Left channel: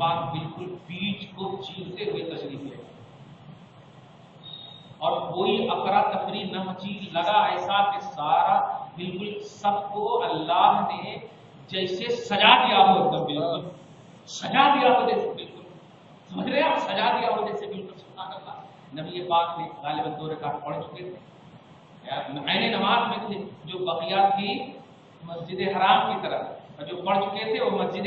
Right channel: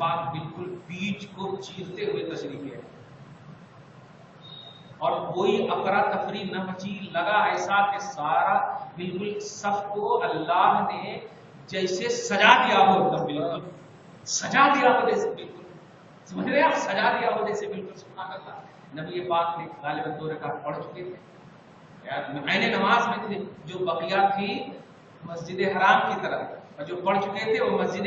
پاک بالکل بیچ کو چیرتے ہوئے تشریف لے اور کوئی افرا تفری نہ مچی، لگا ایسا کہ سارا بالکل صف کو اللہ نے جیسے سجا دیا ہو، بالکل سجا دیا ہو جیسے، بالکل سمجھ رہے ہیں آپ، سجا دیا ہو جیسے، بالکل سبحان اللہ۔ نبی پاک نے غالباً 2 رکعت پڑھ چکے تھے، پہلے نماز میں تھے، جو بقیہ تھی مسجد حرام کی طرف، اور جو پڑھ چکے تھے وہ مسجد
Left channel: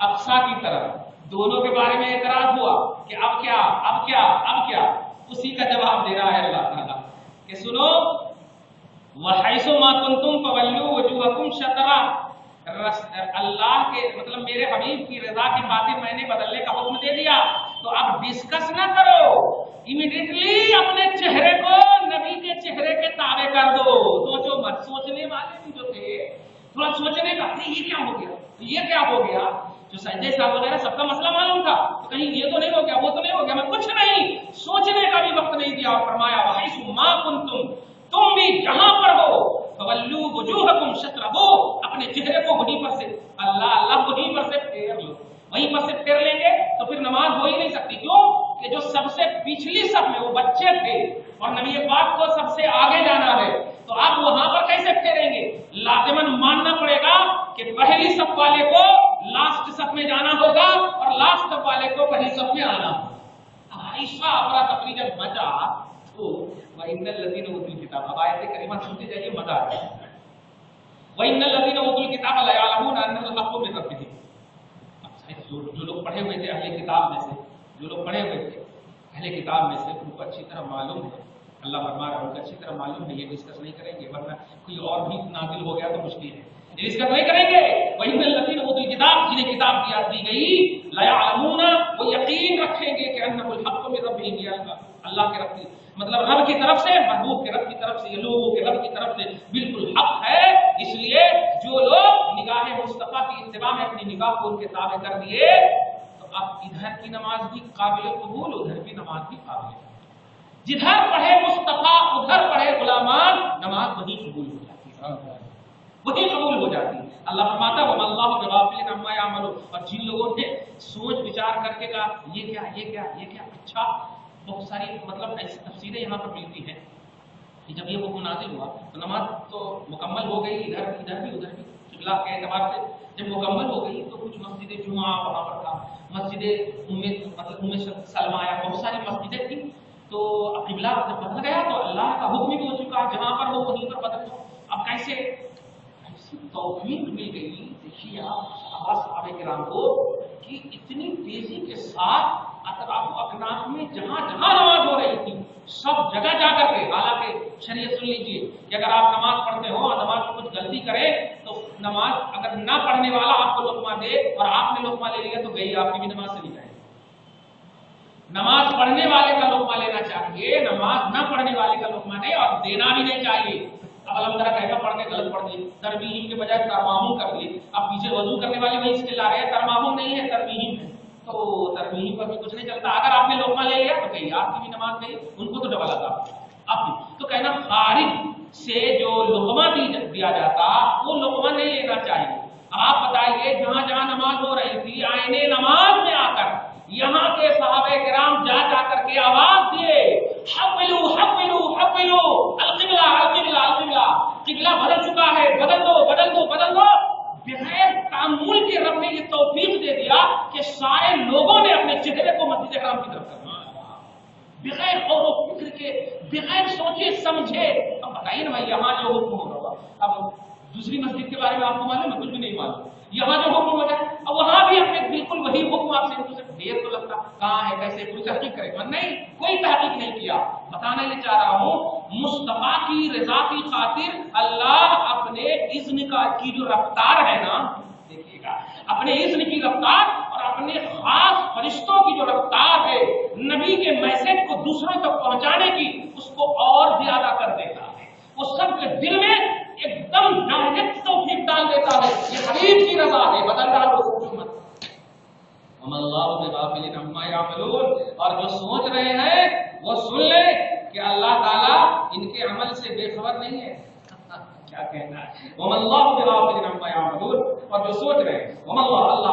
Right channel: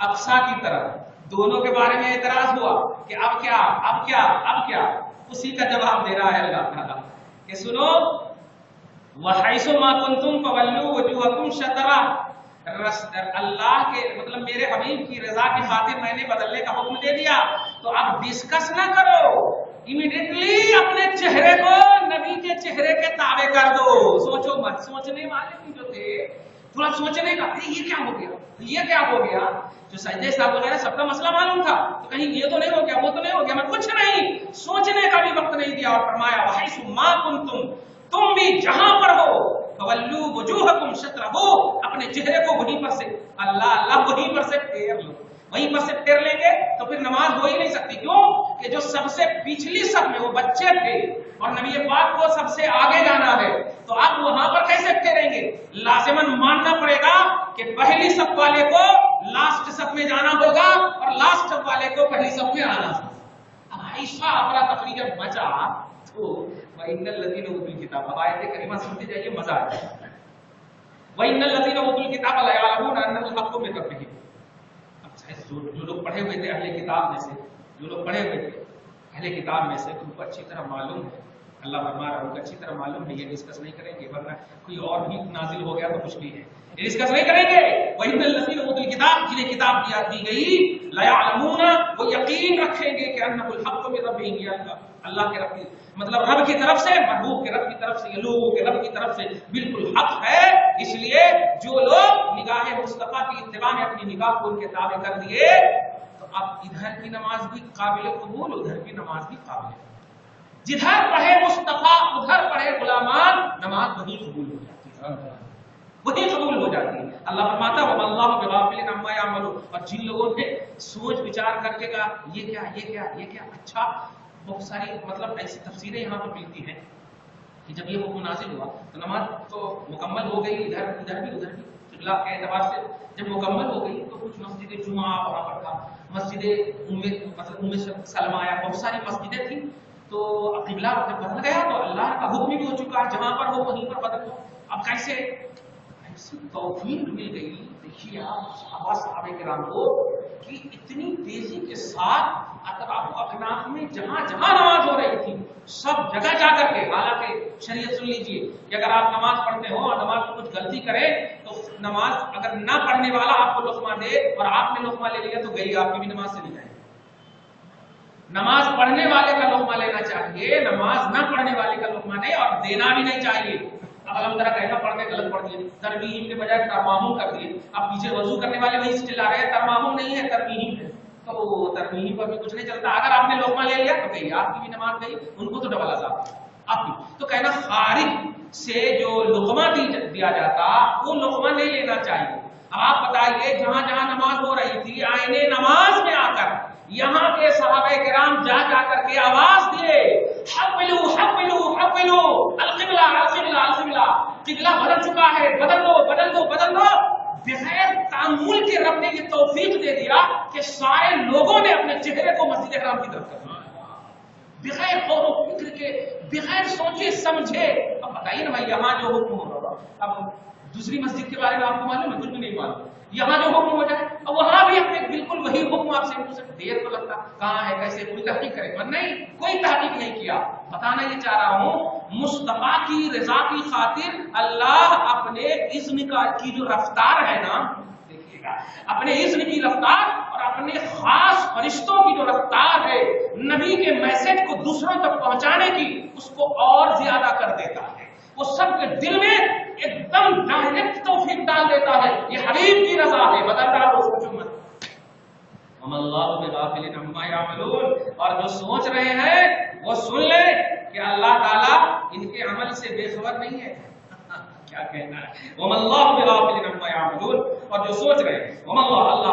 اقصی کی طرف۔ دونوں کے بارے میں اعتراض ہوا کہ اب کیا، اب کیا، اب کیا؟ اسی کا جواب دے رہا ہے اللہ تعالیٰ کہ سنو، وَحَيْثُ مَا كُنْتُمْ فَوَلُّوا وُجُوهَكُمْ شَطْرَهُ، اللہ کے مطلب میرے حبیب کی رضا کی خاطر میں نے بدلنے کا حکم دے دیا، تو اب ڈسکس نہ کرو، امیڈیٹلی اپنے چہرے کو نبی کے چہرے کے تابع کر دو، سوچو مت۔ سوچنے والے بھی جو تھے تھوڑا سوچنے کا، یہ کیا ہو گیا، یہ کیا ہو گیا، جو سجدے صاحب وغیرہ سب کا مسئلہ معلوم تھا، تو کہیں یہ تو نہیں ہو گیا، وہ تو نہیں ہو گیا، میں کچھ نہیں، سوچنے کا بھی وقت نہیں دیا، اور فرمایا وَحَيْثُ مَا كُنْتُمْ، تم بھی جہاں پر ہو، فَوَلُّوا وُجُوهَكُمْ شَطْرَهُ، اپنے چہرے کو وہیں پر سے، اللہ اللہ وہیں پر سے پھیر لو، وہیں پر سے پھیر لیں گے تو پھر نماز ہو ہی نہیں سکتی۔ کیوں کہ جو سب سے پچھلی صف میں وہ بچے تھے اور نبی پاک کو سب سے آگے جانا ہے، تو آپ وہاں پر کیسے پھیریں گے؟ لازماً ماننا پڑے گا کہ پہلی صف والے کو لاسٹ صف میں جانا ہوگا اور لاسٹ صف والے کو پہلی صف میں آنا ہوگا۔ اب ایسا افراتفری جب مچا تو وَإِنَّ الَّذِينَ أُوتُوا الْكِتَابَ، اب آیت کریمہ سنتے جائیے، مزہ آ جائے گا۔ وَإِنَّ الَّذِينَ أُوتُوا الْكِتَابَ لَيَعْلَمُونَ أَنَّهُ الْحَقُّ مِنْ رَبِّهِمْ، جو لوگ پڑھے ہوئے تھے اہل کتاب میں سے، جو لوگ پڑھے ہوئے تھے اہل کتاب میں سے، ان کو اچھی طرح معلوم ہے، اللہ فرما رہا ہے ان کو اچھی طرح معلوم ہے، یہ ڈسکس نہیں کریں گے، ورنہ کوئی اور بھی نازل ہو گیا تو مشکل ہے، یہ ڈسکس نہیں کریں گے۔ وَإِنَّ الَّذِينَ أُوتُوا الْكِتَابَ، جنہیں کتاب دی گئی، لَيَعْلَمُونَ، وہ یقین رکھیں گے کہ أَنَّهُ الْحَقُّ مِنْ رَبِّهِمْ، یہ اللہ کے رب کی مطلب رب کی طرف سے، محبوب کے رب کی طرف سے، یہ لوگوں کے رب کی طرف سے بالکل حق ہے۔ اس لیے جو لوگ نگاہ مصطفیٰ کی اتباع میں اپنی نگاہ کو ان کے تابع کر دیے، تو اب ادھر کی نماز بھی قابل قبول، ادھر کی نماز بھی قابل قبول، جدھر پڑھے مصطفیٰ ادھر پڑھے غلامان، نماز وہی قبول ہو جاتی ہے، وہی قبول ہو جاتی ہے۔ اللہ فرماتا ہے وَمَا اللَّهُ بِغَافِلٍ عَمَّا يَعْمَلُونَ، اور جن لوگوں نے سوچ وچار کر کے کہا یہ کیا، یہ کیا، یہ کیا، اچھا بہت ساری مطلب ایسی تفسیریں یہاں پر ملتی ہیں کہ جب یہ حکم نازل ہوا تو نماز تو مکمل ہو گئی، ادھر بھی ادھر بھی قبلہ کے اعتبار سے جب مکمل ہو گئی تو کچھ مسجد جمعہ وہاں پر تھا، مسجد ام سلمہ، بہت ساری مسجدیں تھیں، تو قبلہ جب بدل گیا تو اللہ کا حکم بھی ہو چکا ہے جہاں پر ہو وہیں پر بدل ہو۔ اب کیسے ایسی توفیق مل گئی، دیکھیے آپ صحابہ کرام کو کہ اتنی تیزی کے ساتھ اطراف و اکناف میں جہاں جہاں نماز ہو رہی تھی سب جگہ جا کر کے، حالانکہ شریعت سن لیجئے کہ اگر آپ نماز پڑھتے ہو اور نماز میں کچھ غلطی کرے تو نماز اگر نہ پڑھنے والا آپ کو لقمہ دے اور آپ نے لقمہ لے لیا تو گئی آپ کی بھی نماز چلی جائے گی۔ نماز پڑھنے والے کا لقمہ لینا چاہیے، نماز نہ پڑھنے والے کا لقمہ نہیں، اور دینا بھی نہیں چاہیے۔ اب الحمدللہ کہنا پڑھ کے غلط پڑھ دیے، ترمیم کے بجائے ترمام کر دیے، اب پیچھے وضو کرنے والے وہی چلا رہے ہیں ترمام نہیں ہے ترمیم ہے، تو ترمیم پر بھی کچھ نہیں چلتا۔ اگر آپ نے لقمہ لے لیا تو گئی آپ کی بھی نماز گئی، ان کو تو ڈبل عذاب آپ کی۔ تو کہنا خارج سے جو لقمہ دیا جاتا وہ لقمہ نہیں لینا چاہیے۔ آپ بتائیے جہاں جہاں نماز ہو رہی تھی آئینے نماز میں آ کر یہاں کے صحابہ کرام جا جا کر کے آواز دیے حولو حولو حولو القبلہ القبلہ القبلہ، قبلہ بدل چکا ہے، بدل دو بدل دو بدل دو۔ بغیر تعامل کے رب نے یہ توفیق دے دیا کہ سارے لوگوں نے اپنے چہرے کو مسجد حرام کی طرف کر دیا، بغیر غور و فکر کے، بغیر سوچے سمجھے۔ اب بتائیے نا بھائی یہاں جو حکم ہوگا، اب دوسری مسجد کے بارے میں آپ کو معلوم ہے؟ کچھ بھی نہیں معلوم۔ یہاں جو حکم ہو جائے اب وہاں بھی اپنے بالکل وہی حکم آپ سے دیر تو لگتا، کہاں ہے کیسے کوئی تحقیق کرے گا؟ نہیں، کوئی تحقیق نہیں کیا۔ بتانا یہ چاہ رہا ہوں مصطفیٰ کی رضا کی خاطر اللہ اپنے اذن کی جو رفتار ہے نا، دیکھیے گا اپنے اذن کی رفتار اور اپنے خاص فرشتوں کی جو رفتار ہے نبی کے میسج کو دوسروں تک پہنچانے کی، اس کو اور زیادہ کر دیتا ہے، وہ سب کے دل میں ایک دم ڈائریکٹ توفیق ڈال دیتا ہے۔ یہ حبیب کی رضا ہے، بدل ڈالو سوچو مت۔ وَمَا اللَّهُ بِغَافِلٍ عَمَّا يَعْمَلُونَ، اور جو سوچ رہے ہیں وہ سن لیں کہ اللہ تعالیٰ ان کے عمل سے بے خبر نہیں ہے۔ کیا کہنا ہے؟ وَمَا اللَّهُ بِغَافِلٍ عَمَّا يَعْمَلُونَ، اور جو سوچ رہے ہیں وَمَا اللَّهُ، اللہ